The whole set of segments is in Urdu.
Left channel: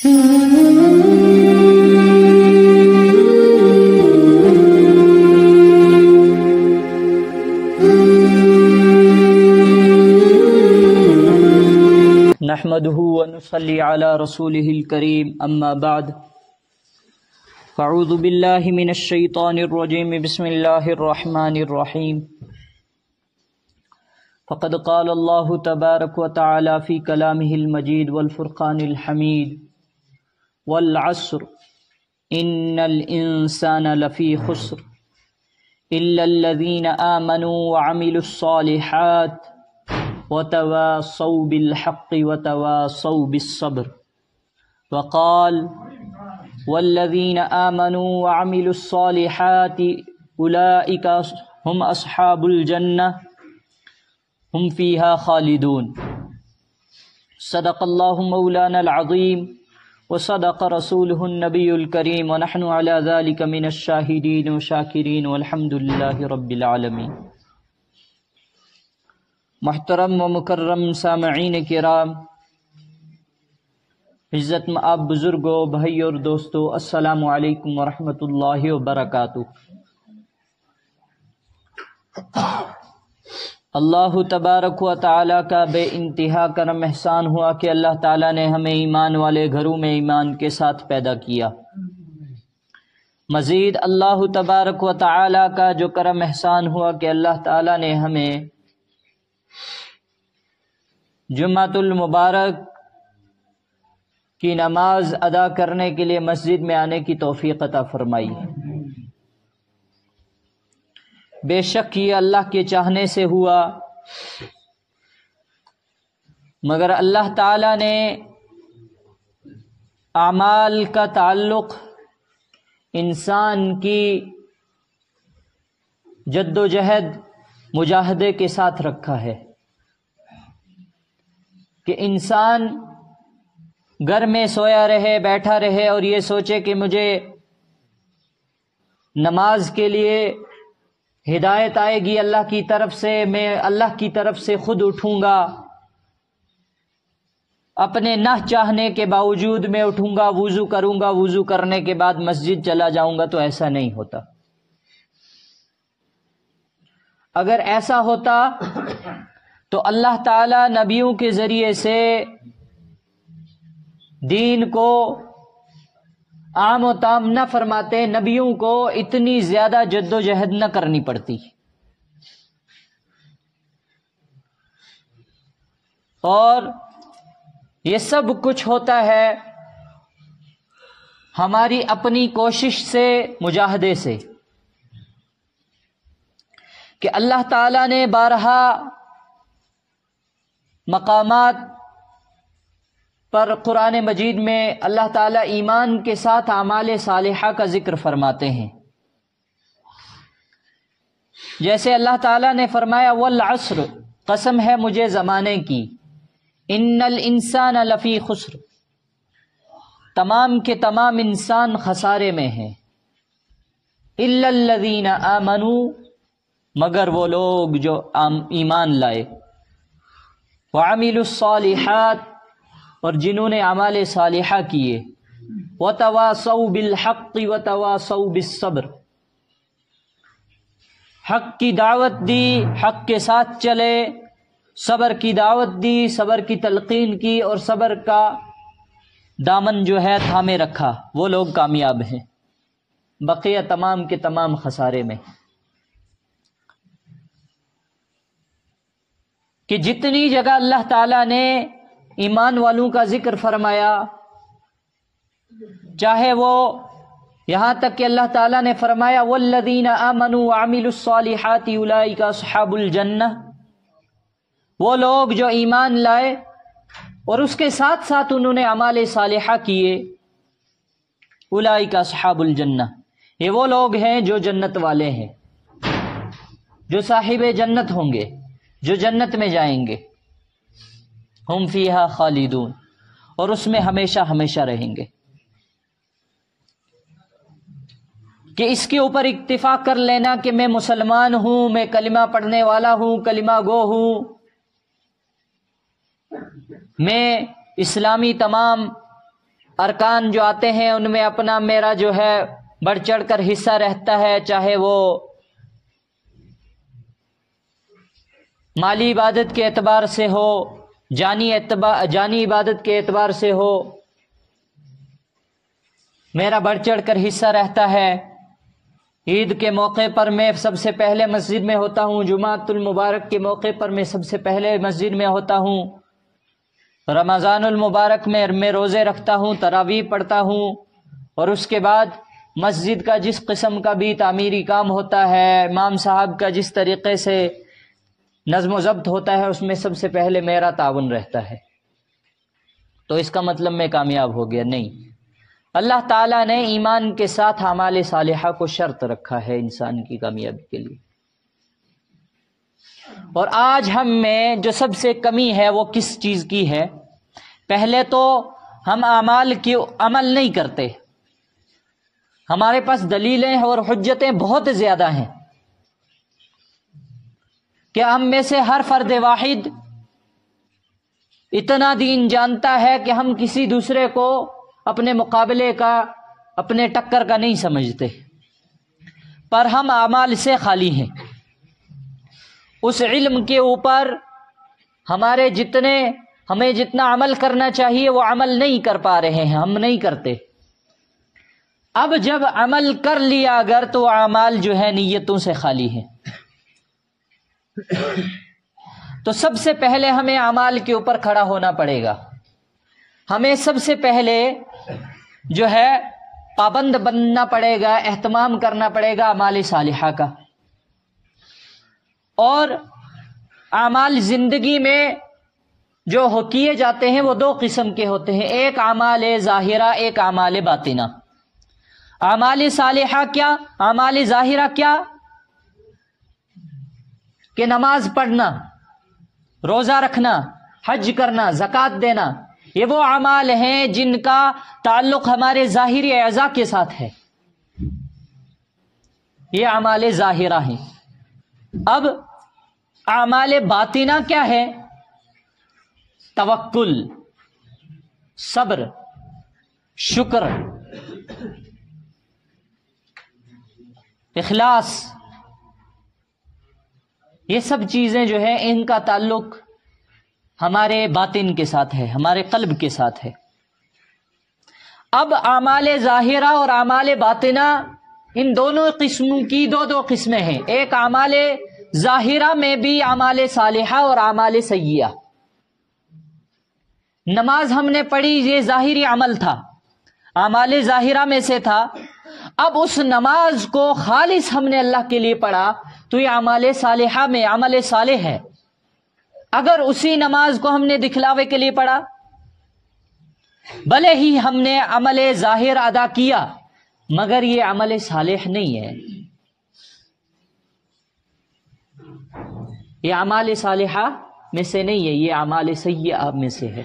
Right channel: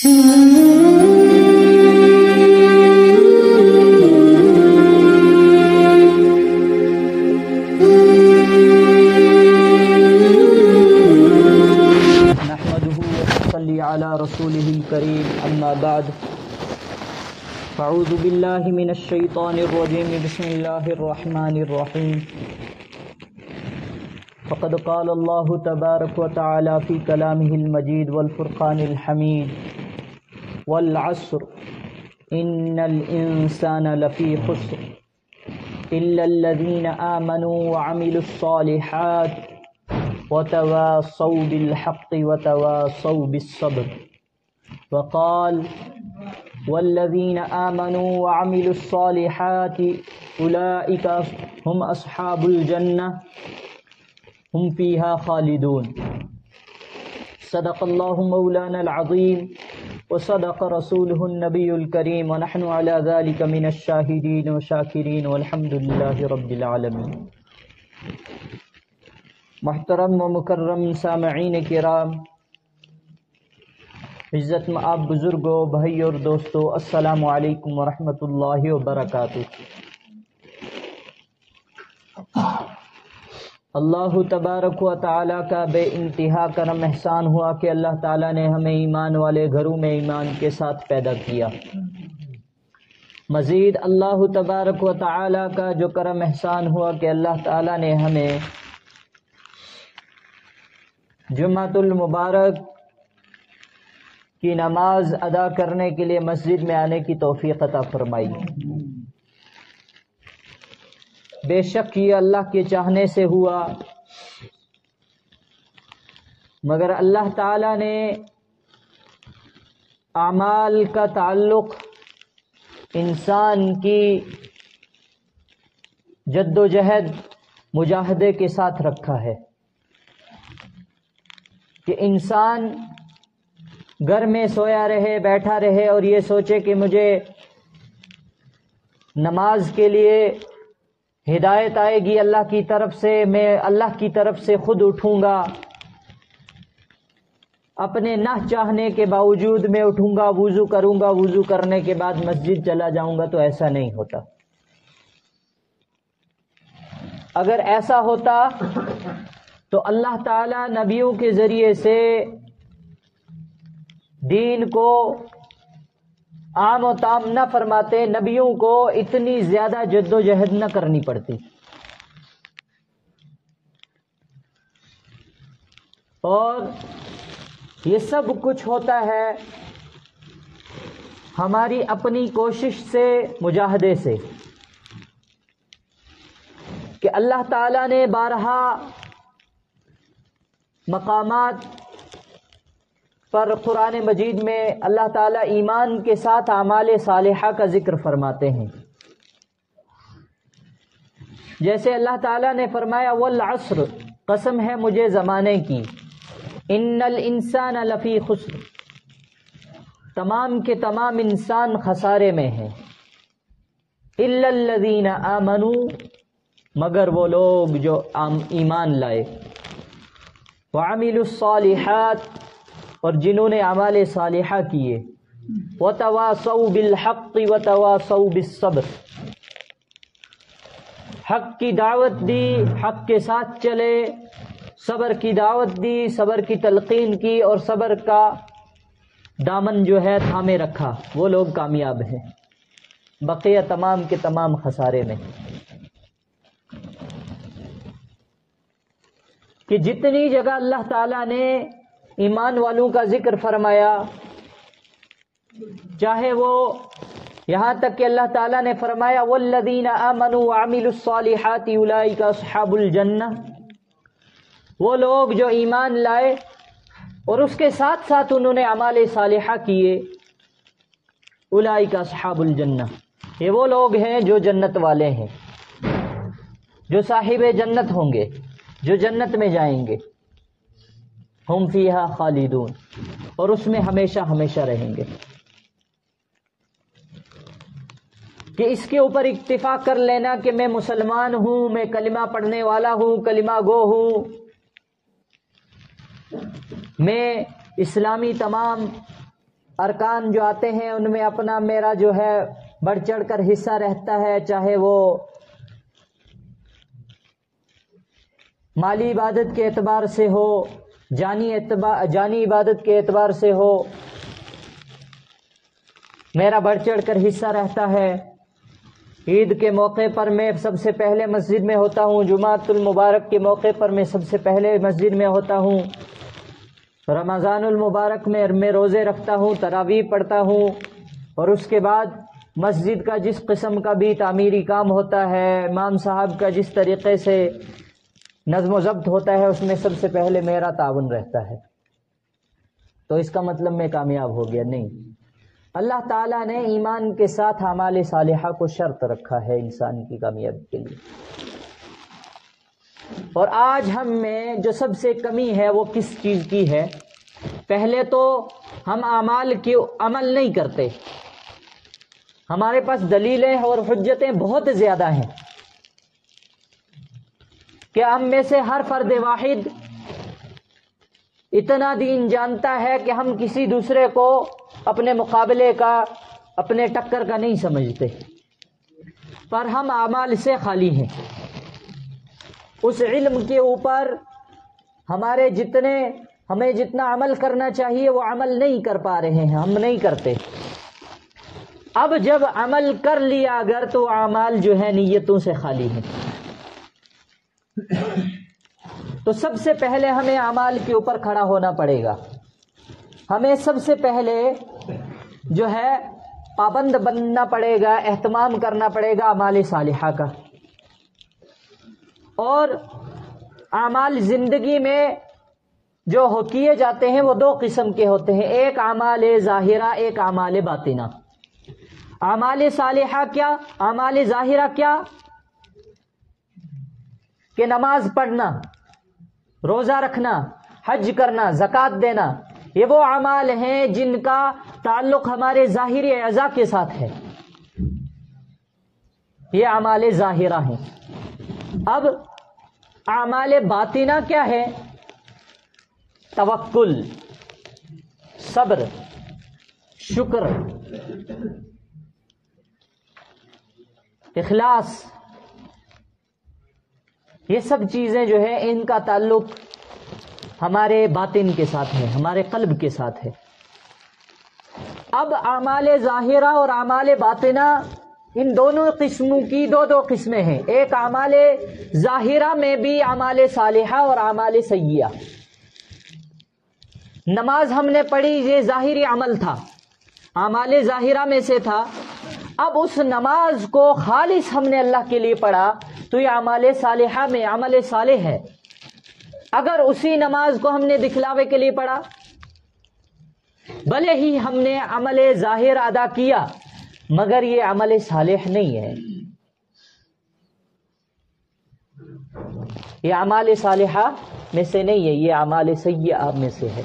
نحمده ونصلي على رسوله الكريم اما بعد اعوذ بالله من الشيطان الرجيم بسم الله الرحمن الرحيم فقد قال الله تبارك وتعالى في كلامه المجيد والفرقان الحميد والعصر ان الانسان لفي خسر الا الذين آمنوا وعملوا الصالحات وتواصوا بالحق وتواصوا بالصبر وقال والذين آمنوا وعملوا الصالحات أولئك هم أصحاب الجنة هم فيها خالدون صدق الله مولانا العظيم وصدق رسوله النبي الكريم ونحن على ذلك من الشاهدين والشاكرين والحمد لله رب العالمين۔ محترم و مکرم سامعین کرام، عزت مآب بزرگوں، بھائی اور دوستو، السلام علیکم ورحمۃ اللہ وبرکاتہ۔ اللہ تبارک و تعالیٰ کا بے انتہا کرم احسان ہوا کہ اللہ تعالیٰ نے ہمیں ایمان والے گھروں میں ایمان کے ساتھ پیدا کیا۔ مزید اللہ تبارک و تعالیٰ کا جو کرم احسان ہوا کہ اللہ تعالیٰ نے ہمیں جمعۃ المبارک کی نماز ادا کرنے کے لیے مسجد میں آنے کی توفیق عطا فرمائی۔ بے شک یہ اللہ کے چاہنے سے ہوا، مگر اللہ تعالیٰ نے اعمال کا تعلق انسان کی جد و جہد مجاہدے کے ساتھ رکھا ہے کہ انسان گھر میں سویا رہے، بیٹھا رہے اور یہ سوچے کہ مجھے نماز کے لیے ہدایت آئے گی اللہ کی طرف سے، میں اللہ کی طرف سے خود اٹھوں گا، اپنے نہ چاہنے کے باوجود میں اٹھوں گا، وضو کروں گا، وضو کرنے کے بعد مسجد چلا جاؤں گا، تو ایسا نہیں ہوتا۔ اگر ایسا ہوتا تو اللہ تعالیٰ نبیوں کے ذریعے سے دین کو عام و تام نہ فرماتے، نبیوں کو اتنی زیادہ جد و جہد نہ کرنی پڑتی۔ اور یہ سب کچھ ہوتا ہے ہماری اپنی کوشش سے، مجاہدے سے، کہ اللہ تعالیٰ نے بارہا مقامات پر قرآن مجید میں اللہ تعالیٰ ایمان کے ساتھ اعمال صالحہ کا ذکر فرماتے ہیں۔ جیسے اللہ تعالیٰ نے فرمایا والعصر، قسم ہے مجھے زمانے کی، ان الانسان لفی خسر، تمام کے تمام انسان خسارے میں ہیں، الا الذین آمنوا، مگر وہ لوگ جو ایمان لائے، وعملوا الصالحات، اور جنہوں نے اعمال صالحہ کیے، وتواصوا بالحق وتواصوا بالصبر، حق کی دعوت دی، حق کے ساتھ چلے، صبر کی دعوت دی، صبر کی تلقین کی، اور صبر کا دامن جو ہے تھامے رکھا، وہ لوگ کامیاب ہیں۔ بقیہ تمام کے تمام خسارے میں۔ کہ جتنی جگہ اللہ تعالیٰ نے ایمان والوں کا ذکر فرمایا، چاہے وہ یہاں تک کہ اللہ تعالیٰ نے فرمایا والذین آمنوا وعملوا الصالحات اولئک اصحاب الجنہ، وہ لوگ جو ایمان لائے اور اس کے ساتھ ساتھ انہوں نے اعمال صالحہ کیے، اولئک اصحاب الجنہ، یہ وہ لوگ ہیں جو جنت والے ہیں، جو صاحب جنت ہوں گے، جو جنت میں جائیں گے، ہم فیہا خالدون، اور اس میں ہمیشہ ہمیشہ رہیں گے۔ کہ اس کے اوپر اکتفا کر لینا کہ میں مسلمان ہوں، میں کلمہ پڑھنے والا ہوں، کلمہ گو ہوں، میں اسلامی تمام ارکان جو آتے ہیں ان میں اپنا میرا جو ہے بڑھ چڑھ کر حصہ رہتا ہے، چاہے وہ مالی عبادت کے اعتبار سے ہو، جانی عبادت کے اعتبار سے ہو، میرا بڑھ چڑھ کر حصہ رہتا ہے۔ عید کے موقع پر میں سب سے پہلے مسجد میں ہوتا ہوں، جمعۃ المبارک کے موقع پر میں سب سے پہلے مسجد میں ہوتا ہوں، رمضان المبارک میں روزے رکھتا ہوں، تراویح پڑھتا ہوں، اور اس کے بعد مسجد کا جس قسم کا بھی تعمیری کام ہوتا ہے، امام صاحب کا جس طریقے سے نظم و ضبط ہوتا ہے، اس میں سب سے پہلے میرا تعاون رہتا ہے۔ تو اس کا مطلب میں کامیاب ہو گیا؟ نہیں، اللہ تعالیٰ نے ایمان کے ساتھ اعمال صالحہ کو شرط رکھا ہے انسان کی کامیابی کے لیے۔ اور آج ہم میں جو سب سے کمی ہے وہ کس چیز کی ہے؟ پہلے تو ہم اعمال کی عمل نہیں کرتے، ہمارے پاس دلیلیں اور حجتیں بہت زیادہ ہیں کہ ہم میں سے ہر فرد واحد اتنا دین جانتا ہے کہ ہم کسی دوسرے کو اپنے مقابلے کا، اپنے ٹکر کا نہیں سمجھتے، پر ہم اعمال سے خالی ہیں۔ اس علم کے اوپر ہمیں جتنا عمل کرنا چاہیے وہ عمل نہیں کر پا رہے ہیں، ہم نہیں کرتے۔ اب جب عمل کر لیا اگر تو اعمال جو ہے نیتوں سے خالی ہیں۔ تو سب سے پہلے ہمیں اعمال کے اوپر کھڑا ہونا پڑے گا، ہمیں سب سے پہلے جو ہے پابند بننا پڑے گا، اہتمام کرنا پڑے گا اعمال صالحہ کا۔ اور اعمال زندگی میں جو کیے جاتے ہیں وہ دو قسم کے ہوتے ہیں، ایک اعمال ظاہرہ، ایک اعمال باطنہ۔ اعمال صالحہ کیا؟ اعمال ظاہرہ کیا؟ کہ نماز پڑھنا، روزہ رکھنا، حج کرنا، زکوٰۃ دینا، یہ وہ اعمال ہیں جن کا تعلق ہمارے ظاہری اعضاء کے ساتھ ہے، یہ اعمال ظاہرہ ہیں۔ اب اعمال باطنہ کیا ہے؟ توکل، صبر، شکر، اخلاص، یہ سب چیزیں جو ہے ان کا تعلق ہمارے باطن کے ساتھ ہے، ہمارے قلب کے ساتھ ہے۔ اب اعمال ظاہرہ اور اعمال باطنہ ان دونوں قسموں کی دو قسمیں ہیں، ایک اعمال ظاہرہ میں بھی اعمال صالحہ اور اعمال سیئہ۔ نماز ہم نے پڑھی، یہ ظاہری عمل تھا، اعمال ظاہرہ میں سے تھا۔ اب اس نماز کو خالص ہم نے اللہ کے لیے پڑھا تو یہ اعمال صالحہ میں عمل صالح ہے۔ اگر اسی نماز کو ہم نے دکھلاوے کے لیے پڑھا، بھلے ہی ہم نے عمل ظاہر ادا کیا مگر یہ عمل صالح نہیں ہے، یہ اعمال صالحہ میں سے نہیں ہے، یہ اعمال سیئہ میں سے ہے۔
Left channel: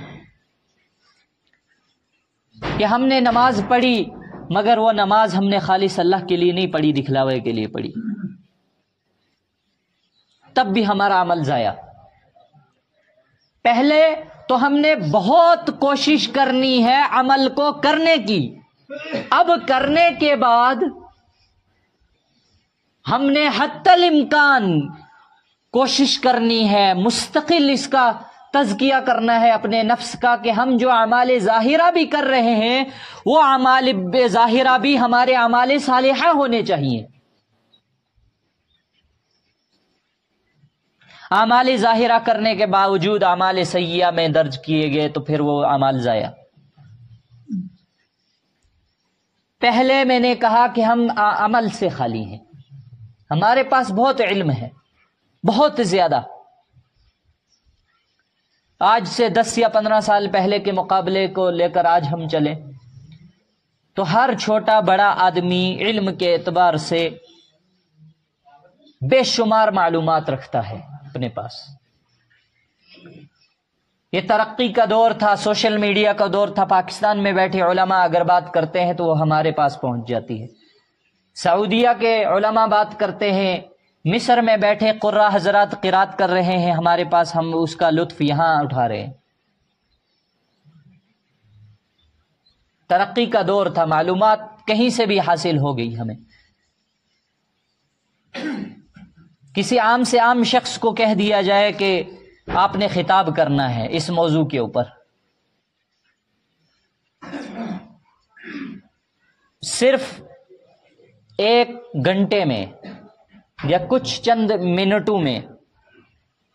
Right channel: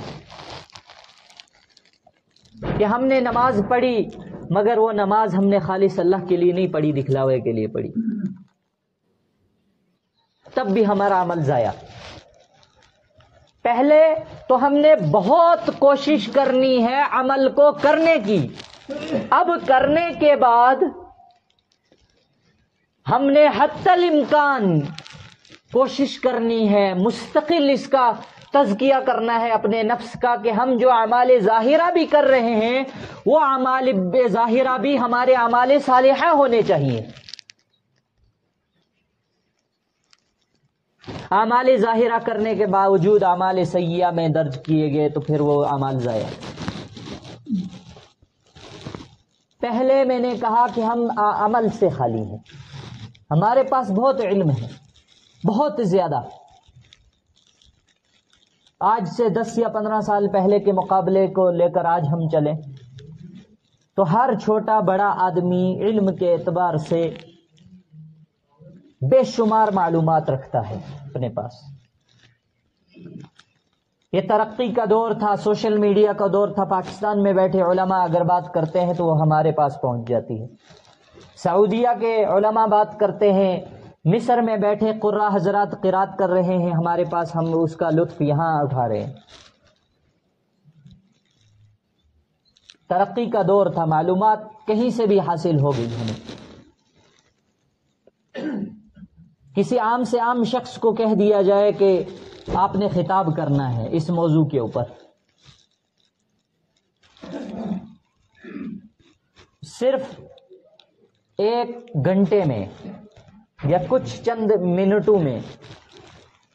کہ ہم نے نماز پڑھی مگر وہ نماز ہم نے خالص اللہ کے لیے نہیں پڑھی، دکھلاوے کے لیے پڑھی، تب بھی ہمارا عمل ضائع۔ پہلے تو ہم نے بہت کوشش کرنی ہے عمل کو کرنے کی، اب کرنے کے بعد ہم نے حتی الامکان کوشش کرنی ہے، مستقل اس کا تزکیہ کرنا ہے اپنے نفس کا، کہ ہم جو اعمال ظاہرہ بھی کر رہے ہیں وہ اعمال ظاہرہ بھی ہمارے اعمال صالحہ ہونے چاہیے۔ اعمال ظاہرہ کرنے کے باوجود اعمال سیئہ میں درج کیے گئے تو پھر وہ اعمال ضائع۔ پہلے میں نے کہا کہ ہم عمل سے خالی ہیں، ہمارے پاس بہت علم ہے، بہت زیادہ۔ آج سے 10 یا 15 سال پہلے کے مقابلے کو لے کر آج ہم چلیں تو ہر چھوٹا بڑا آدمی علم کے اعتبار سے بے شمار معلومات رکھتا ہے اپنے پاس۔ یہ ترقی کا دور تھا، سوشل میڈیا کا دور تھا، پاکستان میں بیٹھے علماء اگر بات کرتے ہیں تو وہ ہمارے پاس پہنچ جاتی ہے، سعودیہ کے علماء بات کرتے ہیں، مصر میں بیٹھے قراء حضرات قرات کر رہے ہیں ہمارے پاس، ہم اس کا لطف یہاں اٹھا رہے ہیں۔ ترقی کا دور تھا، معلومات کہیں سے بھی حاصل ہو گئی ہمیں. کسی عام سے عام شخص کو کہہ دیا جائے کہ آپ نے خطاب کرنا ہے اس موضوع کے اوپر، صرف 1 گھنٹے میں یا کچھ چند منٹوں میں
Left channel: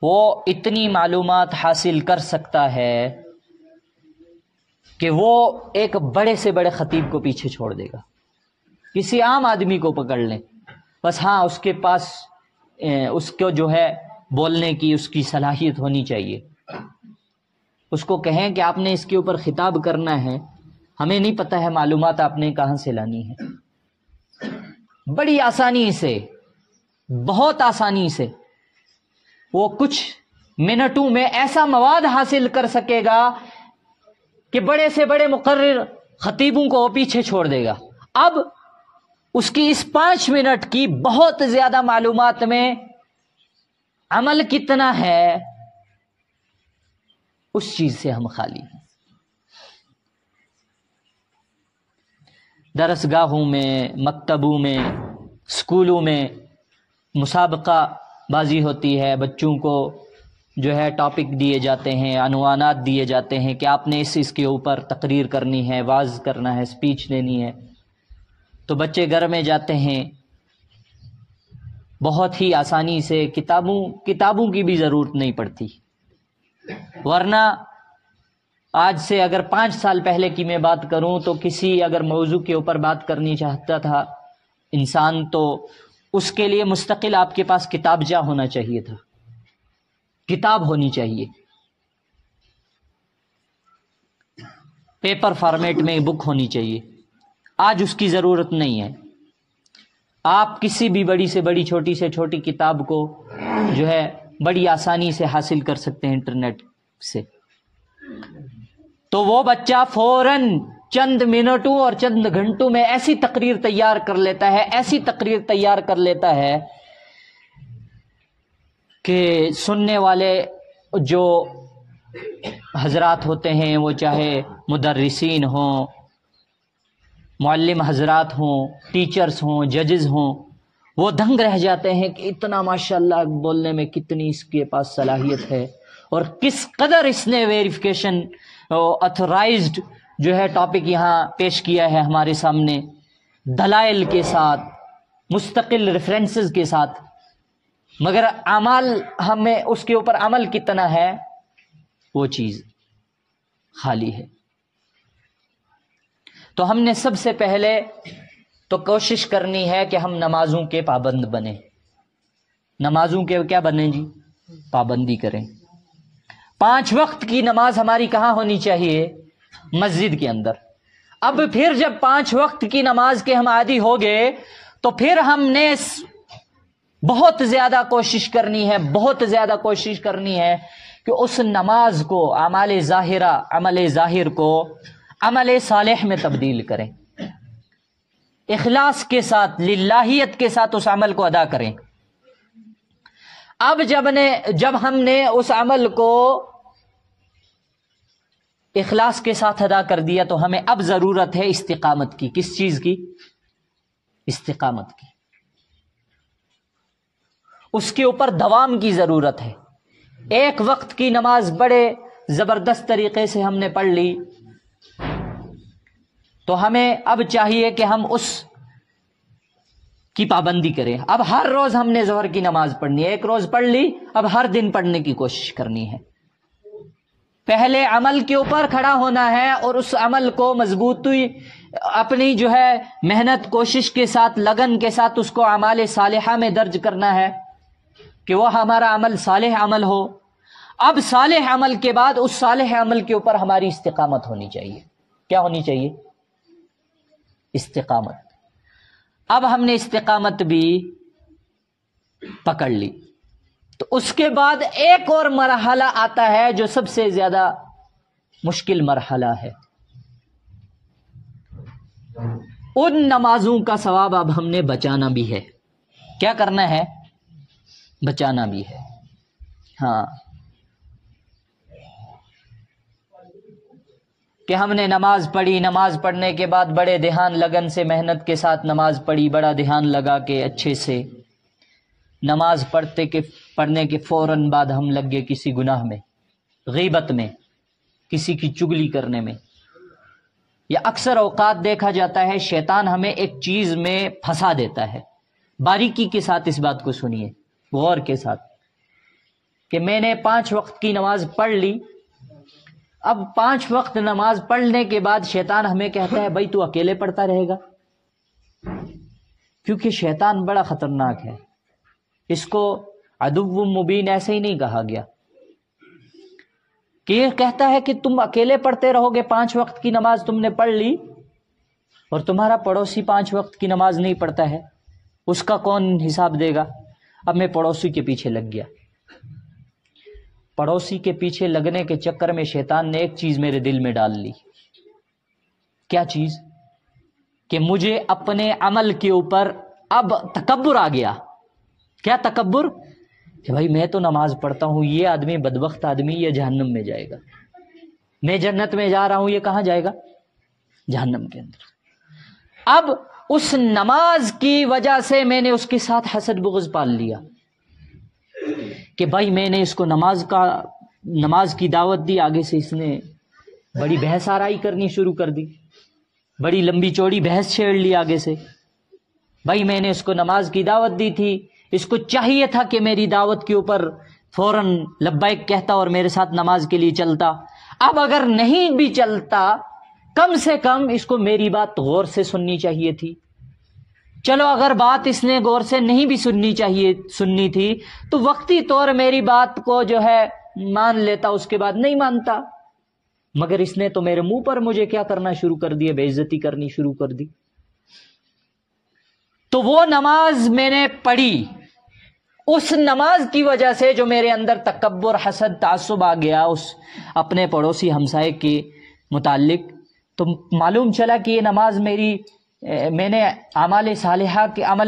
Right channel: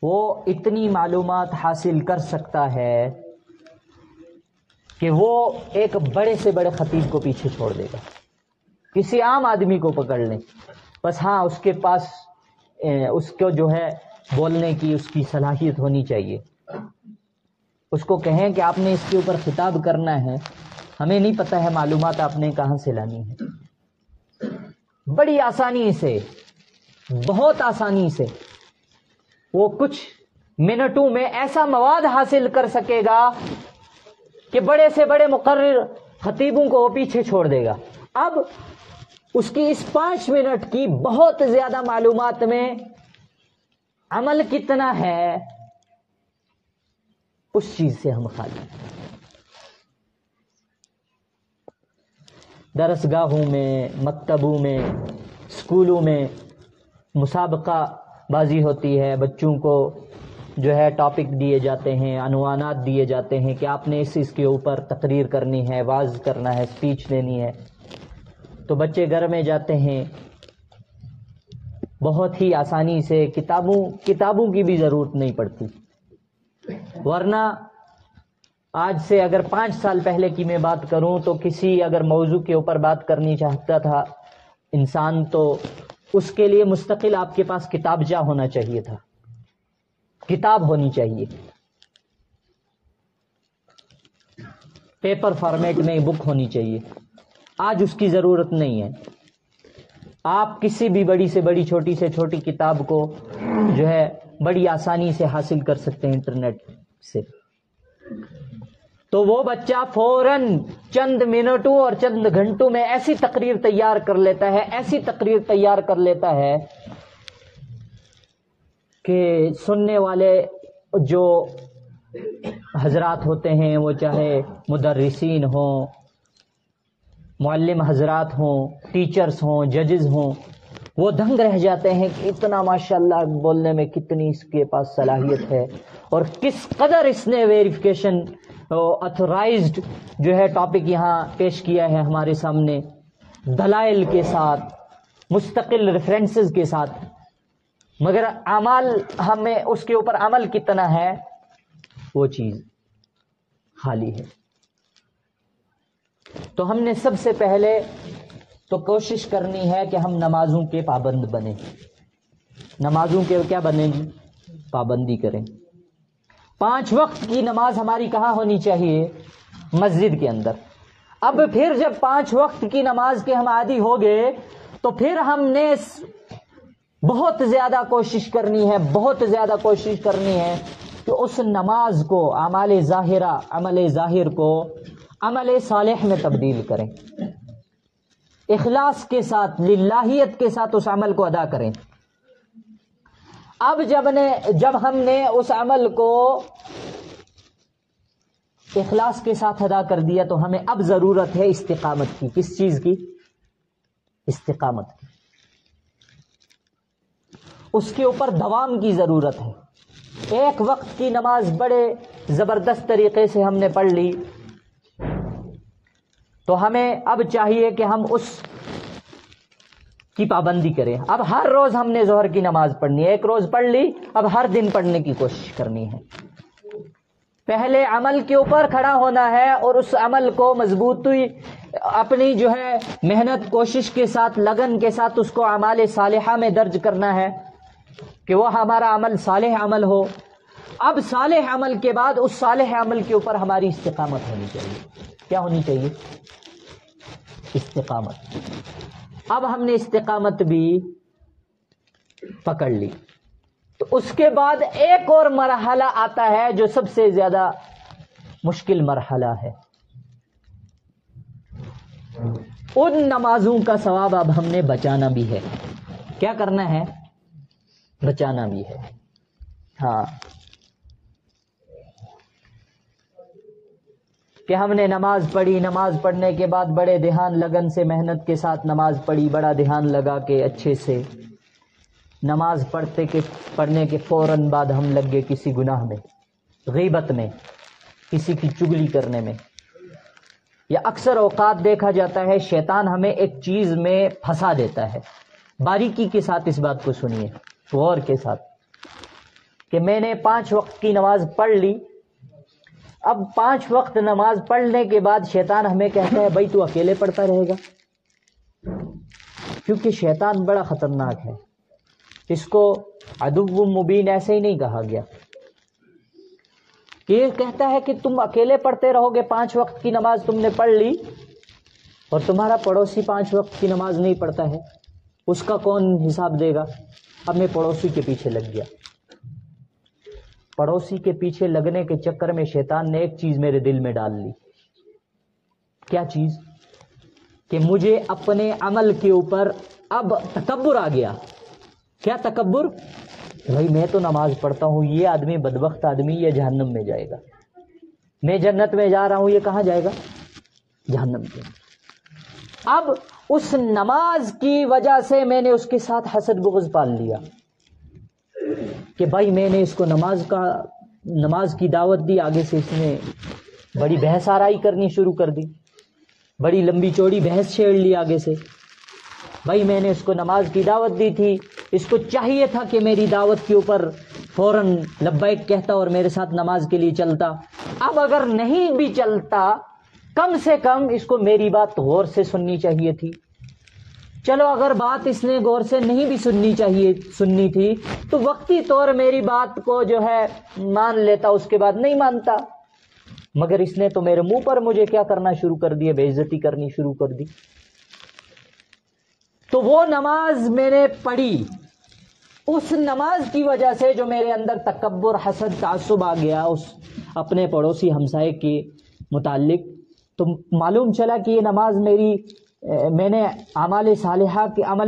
وہ اتنی معلومات حاصل کر سکتا ہے کہ وہ ایک بڑے سے بڑے خطیب کو پیچھے چھوڑ دے گا. کسی عام آدمی کو پکڑ لیں، بس ہاں اس کے پاس اس کو جو ہے بولنے کی اس کی صلاحیت ہونی چاہیے. اس کو کہیں کہ آپ نے اس کے اوپر خطاب کرنا ہے، ہمیں نہیں پتہ ہے معلومات آپ نے کہاں سے لانی ہے. بڑی آسانی سے، بہت آسانی سے وہ کچھ منٹوں میں ایسا مواد حاصل کر سکے گا کہ بڑے سے بڑے مقرر خطیبوں کو وہ پیچھے چھوڑ دے گا. اب اس کی اس 5 منٹ کی بہت زیادہ معلومات میں عمل کتنا ہے، اس چیز سے ہم خالی ہیں. درس گاہوں میں، مکتبوں میں، اسکولوں میں مسابقہ بازی ہوتی ہے، بچوں کو جو ہے ٹاپک دیے جاتے ہیں، عنوانات دیے جاتے ہیں کہ آپ نے اس کے اوپر تقریر کرنی ہے، واعظ کرنا ہے، اسپیچ دینی ہے. تو بچے گھر میں جاتے ہیں، بہت ہی آسانی سے کتابوں کی بھی ضرورت نہیں پڑتی. ورنہ آج سے اگر 5 سال پہلے کی میں بات کروں تو کسی اگر موضوع کے اوپر بات کرنی چاہتا تھا انسان تو اس کے لیے مستقل آپ کے پاس کتابچہ ہونا چاہیے تھا، کتاب ہونی چاہیے، پیپر فارمیٹ میں بک ہونی چاہیے. آج اس کی ضرورت نہیں ہے. آپ کسی بھی بڑی سے بڑی، چھوٹی سے چھوٹی کتاب کو جو ہے بڑی آسانی سے حاصل کر سکتے ہیں انٹرنیٹ سے. تو وہ بچہ فوراً چند منٹوں اور چند گھنٹوں میں ایسی تقریر تیار کر لیتا ہے، ایسی تقریر تیار کر لیتا ہے کہ سننے والے جو حضرات ہوتے ہیں، وہ چاہے مدرسین ہوں، معلم حضرات ہوں، ٹیچرز ہوں، ججز ہوں، وہ دنگ رہ جاتے ہیں کہ اتنا ماشاءاللہ بولنے میں کتنی اس کے پاس صلاحیت ہے، اور کس قدر اس نے ویریفیکیشن اتھورائزڈ جو ہے ٹاپک یہاں پیش کیا ہے ہمارے سامنے، دلائل کے ساتھ، مستقل ریفرنسز کے ساتھ. مگر اعمال ہمیں اس کے اوپر عمل کتنا ہے، وہ چیز خالی ہے. تو ہم نے سب سے پہلے تو کوشش کرنی ہے کہ ہم نمازوں کے پابند بنیں. نمازوں کے کیا بنیں جی؟ پابندی کریں. 5 وقت کی نماز ہماری کہاں ہونی چاہیے؟ مسجد کے اندر. اب پھر جب 5 وقت کی نماز کے ہم عادی ہو گئے تو پھر ہم نے بہت زیادہ کوشش کرنی ہے، بہت زیادہ کوشش کرنی ہے کہ اس نماز کو، اعمال ظاہرہ، عمل ظاہر کو عمل صالح میں تبدیل کریں، اخلاص کے ساتھ، للہیت کے ساتھ اس عمل کو ادا کریں. اب جب ہم نے اس عمل کو اخلاص کے ساتھ ادا کر دیا تو ہمیں اب ضرورت ہے استقامت کی. کس چیز کی؟ استقامت کی. اس کے اوپر دوام کی ضرورت ہے. 1 وقت کی نماز بڑے زبردست طریقے سے ہم نے پڑھ لی تو ہمیں اب چاہیے کہ ہم اس کی پابندی کریں. اب ہر روز ہم نے ظہر کی نماز پڑھنی ہے. 1 روز پڑھ لی، اب ہر دن پڑھنے کی کوشش کرنی ہے. پہلے عمل کے اوپر کھڑا ہونا ہے اور اس عمل کو مضبوطی اپنی جو ہے محنت، کوشش کے ساتھ، لگن کے ساتھ اس کو اعمال صالحہ میں درج کرنا ہے کہ وہ ہمارا عمل صالح عمل ہو. اب صالح عمل کے بعد اس صالح عمل کے اوپر ہماری استقامت ہونی چاہیے. کیا ہونی چاہیے؟ استقامت. اب ہم نے استقامت بھی پکڑ لی تو اس کے بعد ایک اور مرحلہ آتا ہے جو سب سے زیادہ مشکل مرحلہ ہے. ان نمازوں کا ثواب اب ہم نے بچانا بھی ہے. کیا کرنا ہے؟ بچانا بھی ہے. ہاں، کہ ہم نے نماز پڑھی، نماز پڑھنے کے بعد بڑے دھیان لگن سے محنت کے ساتھ نماز پڑھی، بڑا دھیان لگا کے اچھے سے نماز پڑھنے کے فوراً بعد ہم لگ گئے کسی گناہ میں، غیبت میں، کسی کی چگلی کرنے میں. یا اکثر اوقات دیکھا جاتا ہے شیطان ہمیں ایک چیز میں پھنسا دیتا ہے. باریکی کے ساتھ اس بات کو سنیے، غور کے ساتھ، کہ میں نے 5 وقت کی نماز پڑھ لی. اب 5 وقت نماز پڑھنے کے بعد شیطان ہمیں کہتا ہے بھائی تو اکیلے پڑھتا رہے گا. کیونکہ شیطان بڑا خطرناک ہے، اس کو عدو مبین ایسے ہی نہیں کہا گیا کہ یہ کہتا ہے کہ تم اکیلے پڑھتے رہو گے، 5 وقت کی نماز تم نے پڑھ لی اور تمہارا پڑوسی 5 وقت کی نماز نہیں پڑھتا ہے، اس کا کون حساب دے گا؟ اب میں پڑوسی کے پیچھے لگ گیا. پڑوسی کے پیچھے لگنے کے چکر میں شیطان نے ایک چیز میرے دل میں ڈال لی. کیا چیز؟ کہ مجھے اپنے عمل کے اوپر اب تکبر آ گیا. کیا تکبر؟ کہ بھائی میں تو نماز پڑھتا ہوں، یہ آدمی بدبخت آدمی یہ جہنم میں جائے گا، میں جنت میں جا رہا ہوں، یہ کہاں جائے گا؟ جہنم کے اندر. اب اس نماز کی وجہ سے میں نے اس کے ساتھ حسد بغض پال لیا کہ بھائی میں نے اس کو نماز کی دعوت دی، آگے سے اس نے بڑی بحث آرائی کرنی شروع کر دی، بڑی لمبی چوڑی بحث چھیڑ لی آگے سے. بھائی میں نے اس کو نماز کی دعوت دی تھی، اس کو چاہیے تھا کہ میری دعوت کے اوپر فوراً لبیک کہتا اور میرے ساتھ نماز کے لیے چلتا. اب اگر نہیں بھی چلتا کم سے کم اس کو میری بات غور سے سننی چاہیے تھی. چلو اگر بات اس نے غور سے نہیں بھی سننی تھی تو وقتی طور میری بات کو جو ہے مان لیتا، اس کے بعد نہیں مانتا. مگر اس نے تو میرے منہ پر مجھے کیا کرنا شروع کر دیا؟ بے عزتی کرنی شروع کر دی. تو وہ نماز میں نے پڑھی، اس نماز کی وجہ سے جو میرے اندر تکبر، حسد، تعصب آ گیا اس اپنے پڑوسی ہمسائے کے متعلق، تو معلوم چلا کہ یہ نماز میں نے عمل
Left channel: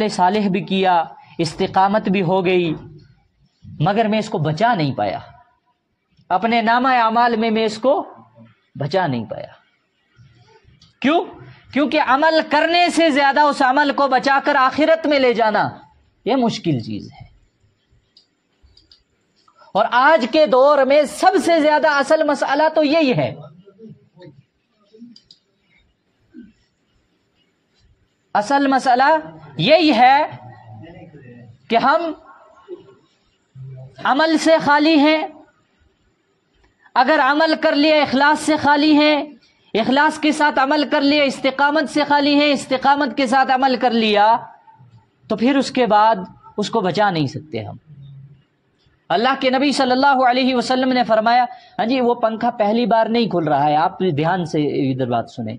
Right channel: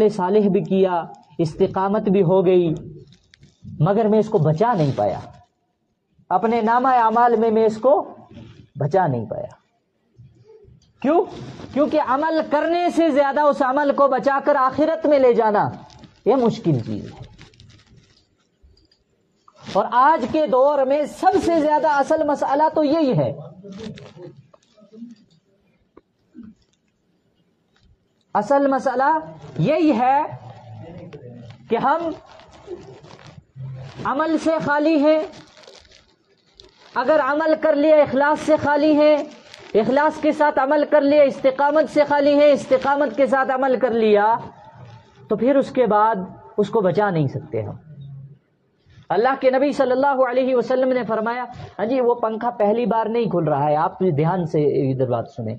صالح بھی کیا، استقامت بھی ہو گئی، مگر میں اس کو بچا نہیں پایا. اپنے نامہ اعمال میں اس کو بچا نہیں پایا. کیوں؟ کیونکہ عمل کرنے سے زیادہ اس عمل کو بچا کر آخرت میں لے جانا یہ مشکل چیز ہے. اور آج کے دور میں سب سے زیادہ اصل مسئلہ تو یہی ہے. اصل مسئلہ یہی ہے کہ ہم عمل سے خالی ہیں. اگر عمل کر لیا اخلاص سے خالی ہیں، اخلاص کے ساتھ عمل کر لیا استقامت سے خالی ہیں، استقامت کے ساتھ عمل کر لیا تو پھر اس کے بعد اس کو بچا نہیں سکتے ہم. اللہ کے نبی صلی اللہ علیہ وسلم نے فرمایا، ہاں جی وہ پنکھا پہلی بار نہیں کھل رہا ہے، آپ دھیان سے ادھر بات سنیں.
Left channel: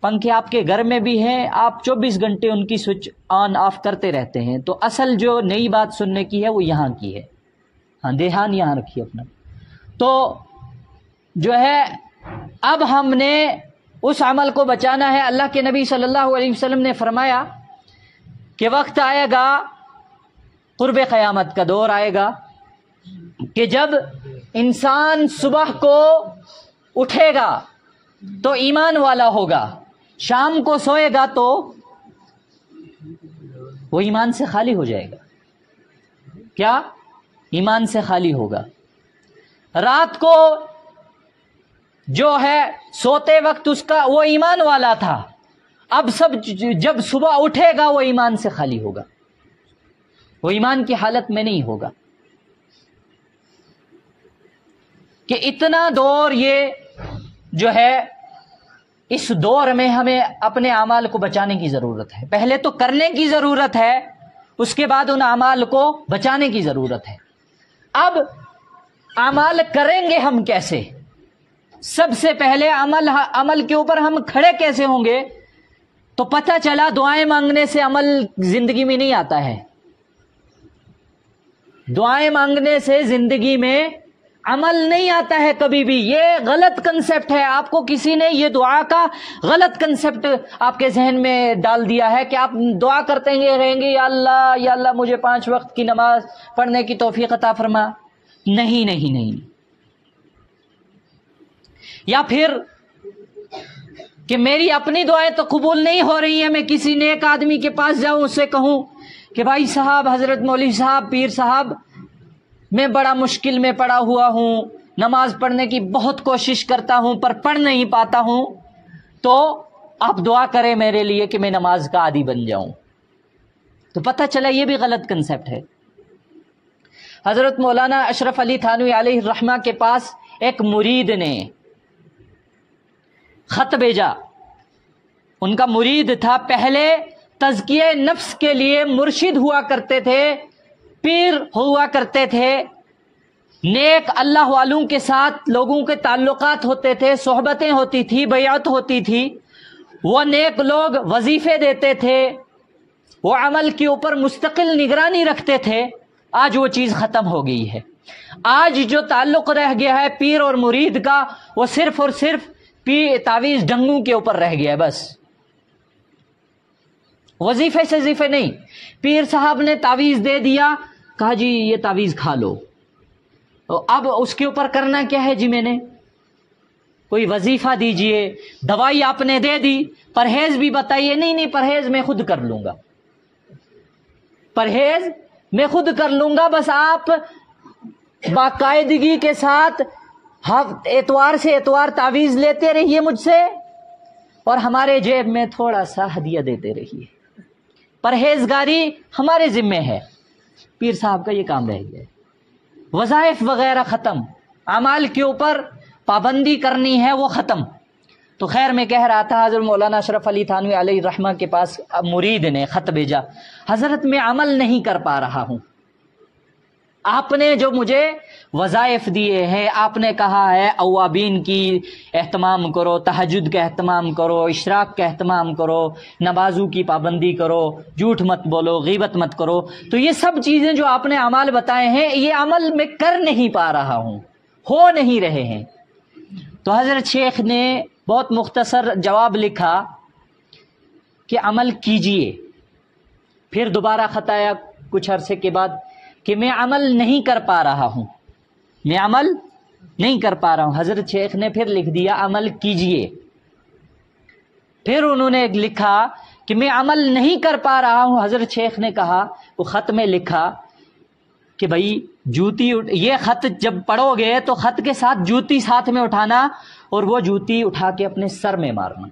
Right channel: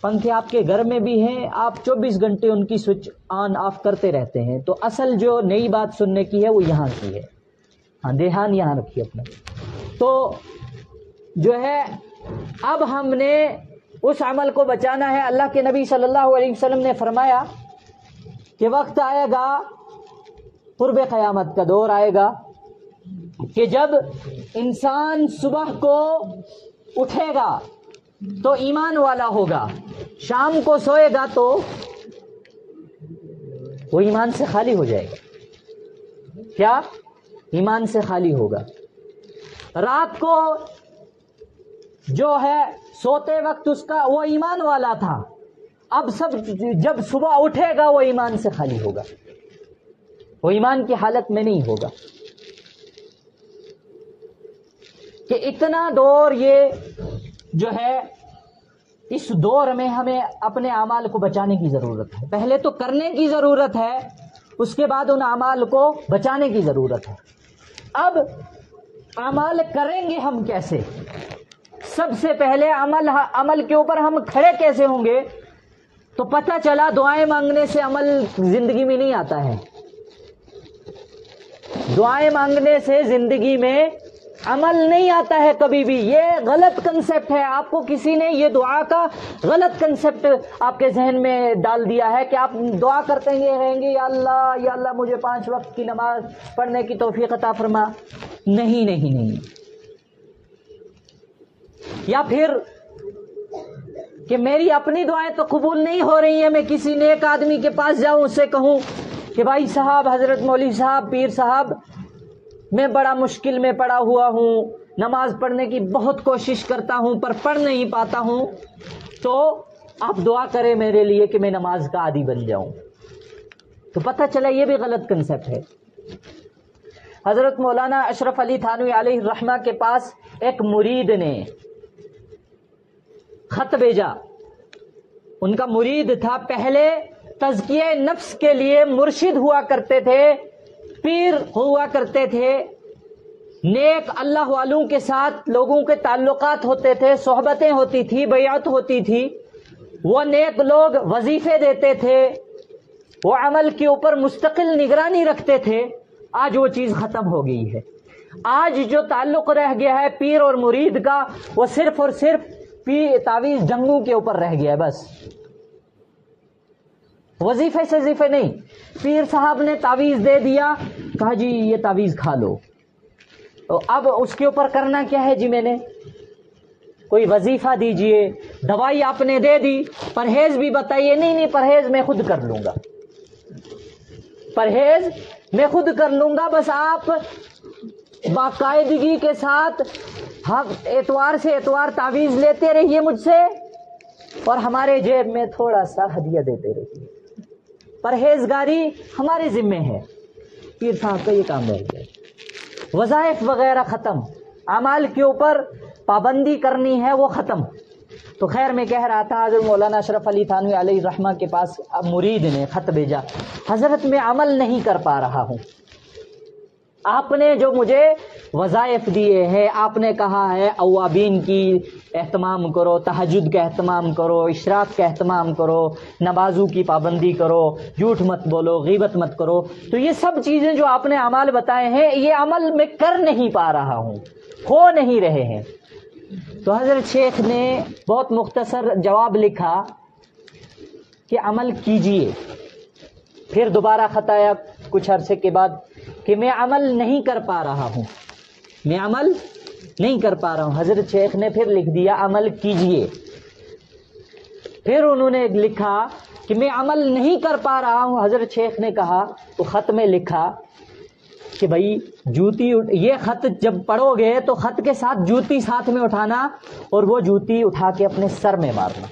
پنکھے آپ کے گھر میں بھی ہیں، آپ 24 گھنٹے ان کی سوئچ آن آف کرتے رہتے ہیں، تو اصل جو نئی بات سننے کی ہے وہ یہاں کی ہے. ہاں دھیان یہاں رکھیے اپنا. تو جو ہے اب ہم نے اس عمل کو بچانا ہے. اللہ کے نبی صلی اللہ علیہ وسلم نے فرمایا کہ وقت آئے گا، قرب قیامت کا دور آئے گا کہ جب انسان صبح کو اٹھے گا تو ایمان والا ہوگا، شام کو سوئے گا تو وہ ایمان سے خالی ہو جائے گا. کیا؟ ایمان سے خالی ہوگا. رات کو جو ہے سوتے وقت اس کا وہ ایمان والا تھا، اب جب صبح اٹھے گا وہ ایمان سے خالی ہوگا، وہ ایمان کی حالت میں نہیں ہوگا. کہ اتنا دور یہ جو ہے، اس دور میں ہمیں اپنے اعمال کو بچانے کی ضرورت ہے. پہلے تو کرنے کی ضرورت ہے، اس کے بعد ان اعمال کو بچانے کی ضرورت ہے. اب اعمال کریں گے ہم کیسے؟ سب سے پہلے عمل کے اوپر ہم کھڑے کیسے ہوں گے؟ تو پتہ چلا دعائیں مانگنے سے عمل زندگی میں نہیں آتا ہے. دعائیں مانگنے سے زندگی میں عمل نہیں آتا ہے کبھی بھی. یہ غلط کنسپٹ ہے. آپ کو کسی نے یہ دعا کا غلط کنسپٹ آپ کے ذہن میں ڈال دیا ہے کہ آپ دعا کرتے رہیں گے، یا اللہ مجھے 5 وقت کی نماز پڑھنے کی توفیق عطا فرما. نہیں. یا پھر کہ میری اپنی دعائیں تو قبول نہیں ہو رہی ہیں، میں کسی نیک آدمی کے پاس جاؤں، اسے کہوں کہ بھائی صاحب، حضرت مولوی صاحب، پیر صاحب، میں بڑا مشکل میں پڑا ہوا ہوں، نماز پڑھنے کی بہت کوشش کرتا ہوں پر پڑھ نہیں پاتا ہوں، تو آپ دعا کریں میرے لیے کہ میں نماز کا عادی بن جاؤں. تو پتہ چلا یہ بھی غلط کنسپٹ ہے. حضرت مولانا اشرف علی تھانوی علیہ الرحمہ کے پاس ایک مرید نے خط بھیجا. ان کا مرید تھا، پہلے تزکیہ نفس کے لیے مرشد ہوا کرتے تھے، پیر ہوا کرتے تھے، نیک اللہ والوں کے ساتھ لوگوں کے تعلقات ہوتے تھے، صحبتیں ہوتی تھی، بیعت ہوتی تھی، وہ نیک لوگ وظیفے دیتے تھے، وہ عمل کے اوپر مستقل نگرانی رکھتے تھے. آج وہ چیز ختم ہو گئی ہے. آج جو تعلق رہ گیا ہے پیر اور مرید کا، وہ صرف اور صرف تعویذ ڈنگوں کے اوپر رہ گیا ہے. بس وظیفے سے وظیفے نہیں. پیر صاحب نے تعویذ دے دیا، کہا جی یہ تعویذ کھا لو، اب اس کے اوپر کرنا کیا ہے جی؟ میں نے کوئی وظیفہ دیجئے، دوائی آپ نے دے دی، پرہیز بھی بتائیے. نہیں پرہیز میں خود کر لوں گا، پرہیز میں خود کر لوں گا، بس آپ باقاعدگی کے ساتھ اتوار سے اتوار تعویذ لیتے رہیے مجھ سے، اور ہمارے جیب میں تھوڑا سا ہدیہ دیتے رہیے. پرہیزگاری ہمارے ذمے ہے. پیر صاحب کا یہ کام رہ گیا. وظائف وغیرہ ختم، اعمال کے اوپر پابندی کرنی ہے وہ ختم. تو خیر میں کہہ رہا تھا، حضرت مولانا اشرف علی تھانوی علیہ الرحمہ کے پاس مرید نے خط بھیجا، حضرت میں عمل نہیں کر پا رہا ہوں، آپ نے جو مجھے وظائف دیے ہیں، آپ نے کہا ہے اوابین کی اہتمام کرو، تہجد کا اہتمام کرو، اشراق کا اہتمام کرو، نمازوں کی پابندی کرو، جھوٹ مت بولو، غیبت مت کرو، تو یہ سب چیزیں جو آپ نے اعمال بتائے ہیں، یہ عمل میں کر نہیں پا رہا ہوں، ہو نہیں رہے ہیں. تو حضرت شیخ نے بہت مختصر جواب لکھا کہ عمل کیجئے. پھر دوبارہ خط آیا کچھ عرصے کے بعد کہ میں عمل نہیں کر پا رہا ہوں، میں عمل نہیں کر پا رہا ہوں. حضرت شیخ نے پھر لکھ دیا عمل کیجئے. پھر انہوں نے لکھا کہ میں عمل نہیں کر پا رہا ہوں. حضرت شیخ نے کہا، وہ خط میں لکھا کہ بھائی جوتی، یہ خط جب پڑھو گے تو خط کے ساتھ جوتی ساتھ میں اٹھانا، اور وہ جوتی اٹھا کے اپنے سر میں مارنا.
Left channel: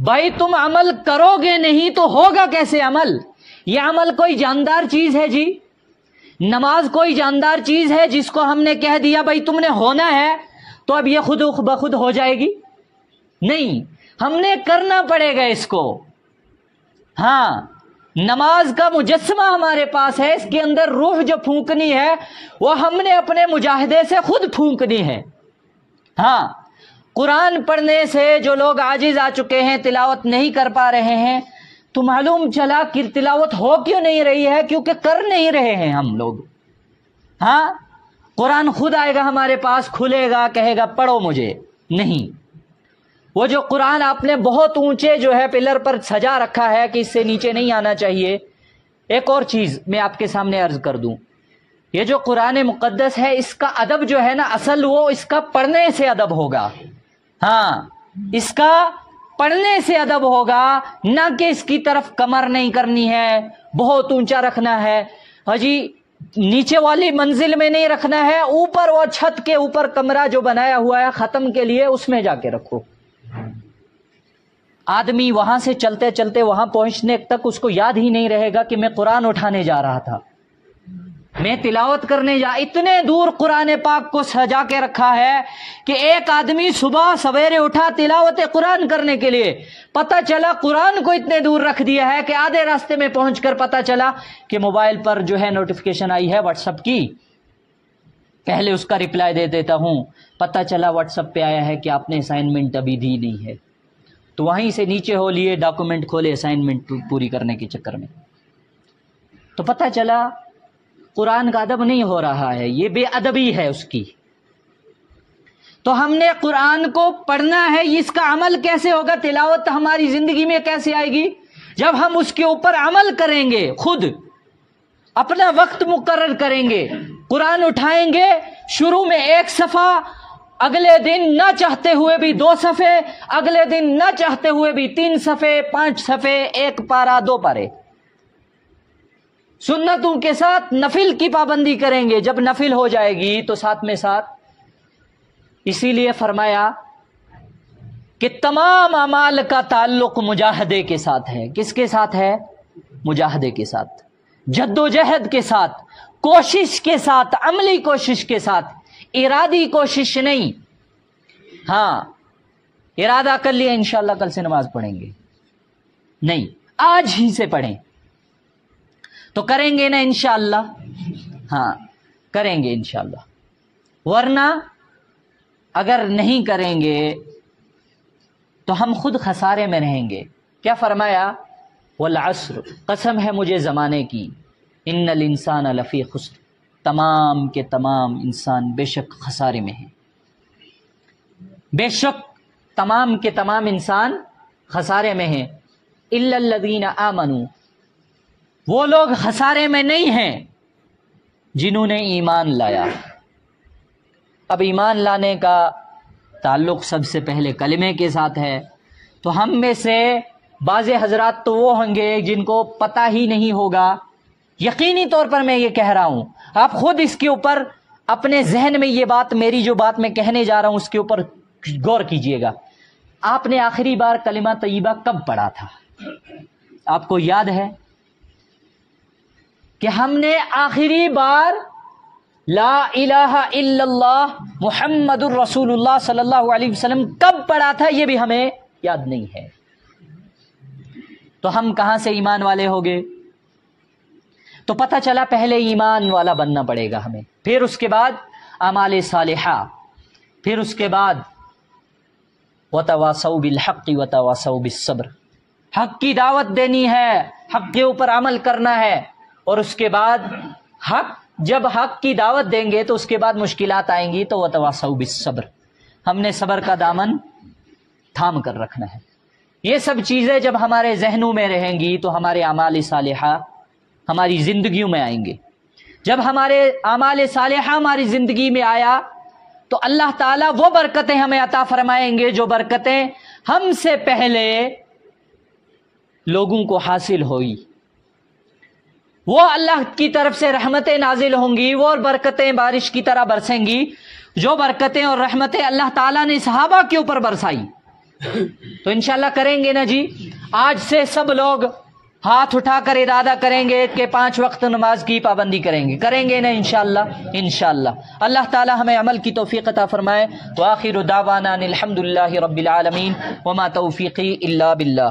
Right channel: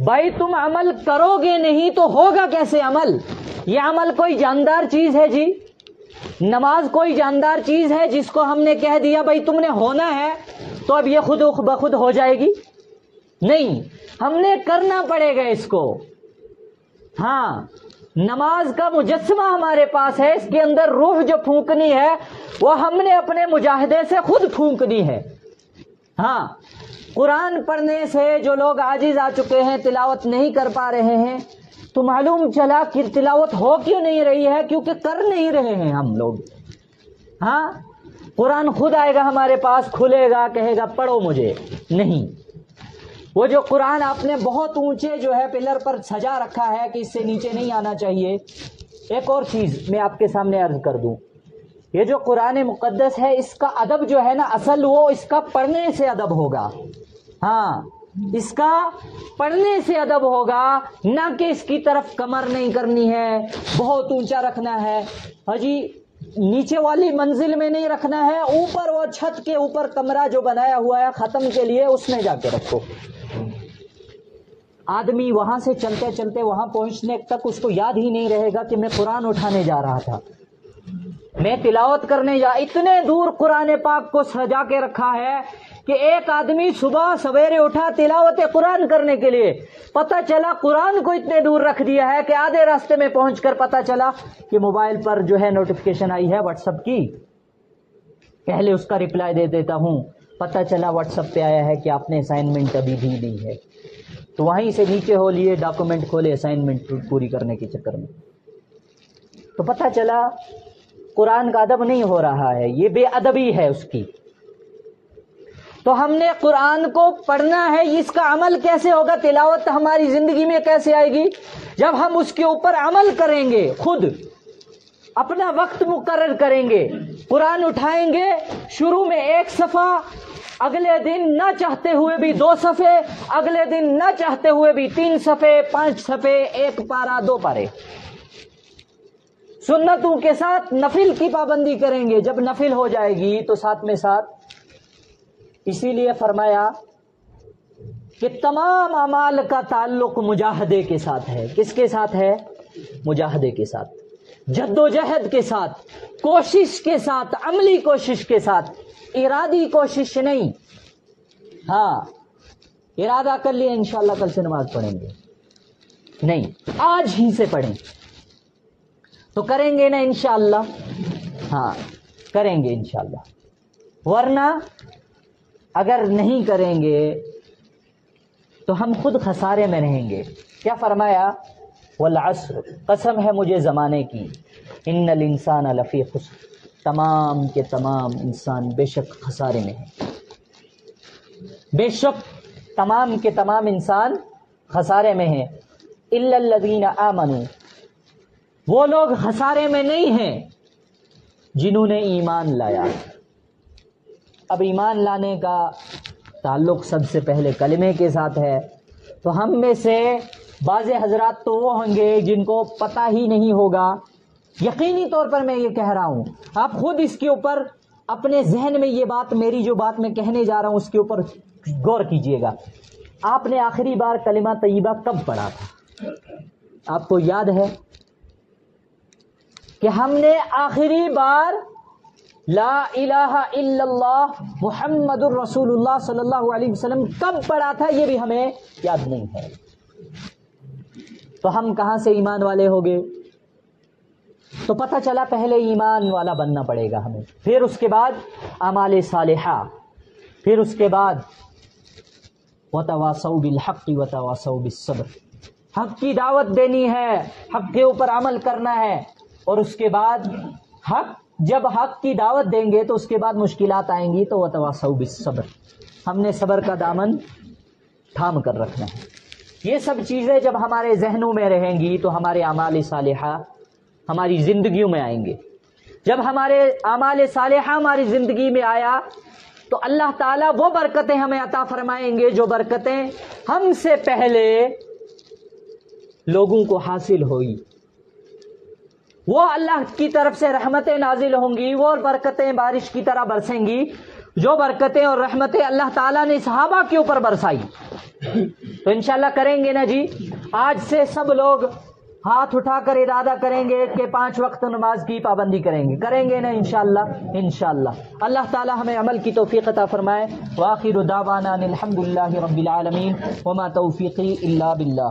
بھائی تم عمل کرو گے نہیں تو ہوگا کیسے عمل؟ یہ عمل کوئی جاندار چیز ہے جی؟ نماز کوئی جاندار چیز ہے جس کو ہم نے کہہ دیا بھائی تم نے ہونا ہے تو اب یہ خود بخود ہو جائے گی؟ نہیں، ہم نے کرنا پڑے گا اس کو. ہاں، نماز کا مجسمہ ہمارے پاس ہے، اس کے اندر روح جو پھونکنی ہے وہ ہم نے اپنے مجاہدے سے خود پھونکنی ہے. ہاں، قرآن پڑھنے سے جو لوگ عاجز آ چکے ہیں، تلاوت نہیں کر پا رہے ہیں، تو معلوم چلا کہ تلاوت ہو کیوں نہیں رہی ہے؟ کیونکہ کر نہیں رہے ہیں ہم لوگ. ہاں، قرآن خود آئے گا ہمارے پاس، کھلے گا، کہے گا پڑھو مجھے. نہیں، وہ جو قرآن آپ نے بہت اونچے جو ہے پلر پر سجا رکھا ہے کہ اس سے نیچے نہیں آنا چاہیے. ایک اور چیز میں آپ کے سامنے عرض کر دوں، یہ جو قرآن مقدس ہے اس کا ادب جو ہے نا، اصل وہ اس کا پڑھنے سے ادب ہوگا. ہاں، اس کا پڑھنے سے ادب ہوگا، نہ کہ اس کی طرف کمر نہیں کرنی ہے، بہت اونچا رکھنا ہے. ہاں جی، نیچے والی منزل میں نہیں رکھنا ہے، اوپر وہ چھت کے اوپر کمرہ جو بنایا ہوا ہے ختم کے لیے، اس میں جا کے رکھو. آدمی وہاں سے چلتے چلتے وہاں پہنچنے تک اس کو یاد ہی نہیں رہے گا کہ میں قرآن اٹھانے جا رہا تھا، میں تلاوت کرنے اتنے دور قرآن پاک کو سجا کے رکھا ہے کہ ایک آدمی صبح سویرے اٹھا تلاوت قرآن کرنے کے لیے، پتہ چلا قرآن کو اتنے دور رکھ دیا ہے کہ آدھے راستے میں پہنچ کر پتہ چلا کہ موبائل پر جو ہے نوٹیفیکیشن آئی ہے واٹس ایپ کی، پہلے اس کا رپلائی دے دیتا ہوں، پتہ چلا واٹس ایپ پہ آیا ہے کہ آپ نے اسائنمنٹ ابھی دی نہیں ہے، تو وہیں سے نیچے ہو لیے ڈاکومنٹ کھولے اسائنمنٹ پوری کرنے کے چکر میں. تو پتہ چلا قرآن کا ادب نہیں ہو رہا ہے، یہ بے ادبی ہے اس کی. تو ہم نے قرآن کو پڑھنا ہے، اس کا عمل کیسے ہوگا؟ تلاوت ہماری زندگی میں کیسے آئے گی؟ جب ہم اس کے اوپر عمل کریں گے، خود اپنا وقت مقرر کریں گے، قرآن اٹھائیں گے، شروع میں 1 صفحہ اگلے دن نہ چاہتے ہوئے بھی 2 صفحے، اگلے دن نہ چاہتے ہوئے بھی 3 صفحے، 5 صفحے، 1 پارہ، 2 پارے. سنتوں کے ساتھ نفل کی پابندی کریں گے. جب نفل ہو جائے گی تو ساتھ میں ساتھ. اسی لیے فرمایا کہ تمام اعمال کا تعلق مجاہدے کے ساتھ ہے. کس کے ساتھ ہے؟ مجاہدے کے ساتھ، جد و جہد کے ساتھ، کوشش کے ساتھ، عملی کوشش کے ساتھ، ارادی کوشش نہیں. ہاں ارادہ کر لیا انشاءاللہ کل سے نماز پڑھیں گے، نہیں، آج ہی سے پڑھیں تو کریں گے نا انشاءاللہ. ہاں کریں گے انشاءاللہ، ورنہ اگر نہیں کریں گے تو ہم خود خسارے میں رہیں گے. کیا فرمایا؟ والعصر، قسم ہے مجھے زمانے کی، ان الانسان لفی خسر، تمام کے تمام انسان بے شک خسارے میں ہیں. بے شک تمام کے تمام انسان خسارے میں ہیں. الا الذین آمنوا، وہ لوگ خسارے میں نہیں ہیں جنہوں نے ایمان لایا. اب ایمان لانے کا تعلق سب سے پہلے کلمے کے ساتھ ہے. تو ہم میں سے بعض حضرات تو وہ ہوں گے جن کو پتہ ہی نہیں ہوگا. یقینی طور پر میں یہ کہہ رہا ہوں، آپ خود اس کے اوپر اپنے ذہن میں یہ بات، میری جو بات میں کہنے جا رہا ہوں اس کے اوپر غور کیجئے گا. آپ نے آخری بار کلمہ طیبہ کب پڑھا تھا؟ آپ کو یاد ہے کہ ہم نے آخری بار لا الہ الا اللہ محمد الرسول اللہ صلی اللہ علیہ وسلم کب پڑھا تھا؟ یہ بھی ہمیں یاد نہیں ہے. تو ہم کہاں سے ایمان والے ہو گئے؟ تو پتہ چلا پہلے ایمان والا بننا پڑے گا ہمیں، پھر اس کے بعد اعمال صالحہ، پھر اس کے بعد وتواصوا بالحق وتواصوا بالصبر. حق کی دعوت دینی ہے، حق کے اوپر عمل کرنا ہے، اور اس کے بعد جب حق کی دعوت دیں گے تو اس کے بعد مشکلات آئیں گی تو وتواصوا بالصبر، ہم نے صبر کا دامن تھام کر رکھنا ہے. یہ سب چیزیں جب ہمارے ذہنوں میں رہیں گی تو ہمارے اعمال صالحہ ہماری زندگیوں میں آئیں گے. جب ہمارے اعمال صالحہ ہماری زندگی میں آیا تو اللہ تعالیٰ وہ برکتیں ہمیں عطا فرمائیں گے جو برکتیں ہم سے پہلے لوگوں کو حاصل ہوئی. وہ اللہ کی طرف سے رحمتیں نازل ہوں گی، وہ برکتیں بارش کی طرح برسیں گی جو برکتیں اور رحمتیں اللہ تعالیٰ نے صحابہ کے اوپر برسائی. تو انشاءاللہ کریں گے نا جی. آج سے سب لوگ ہاتھ اٹھا کر ارادہ کریں گے کہ 5 وقت نماز کی پابندی کریں گے نا انشاءاللہ. انشاءاللہ اللہ تعالی ہمیں عمل کی توفیق عطا فرمائے. وآخر دعوانا ان الحمدللہ رب العالمین وما توفیقی الا باللہ.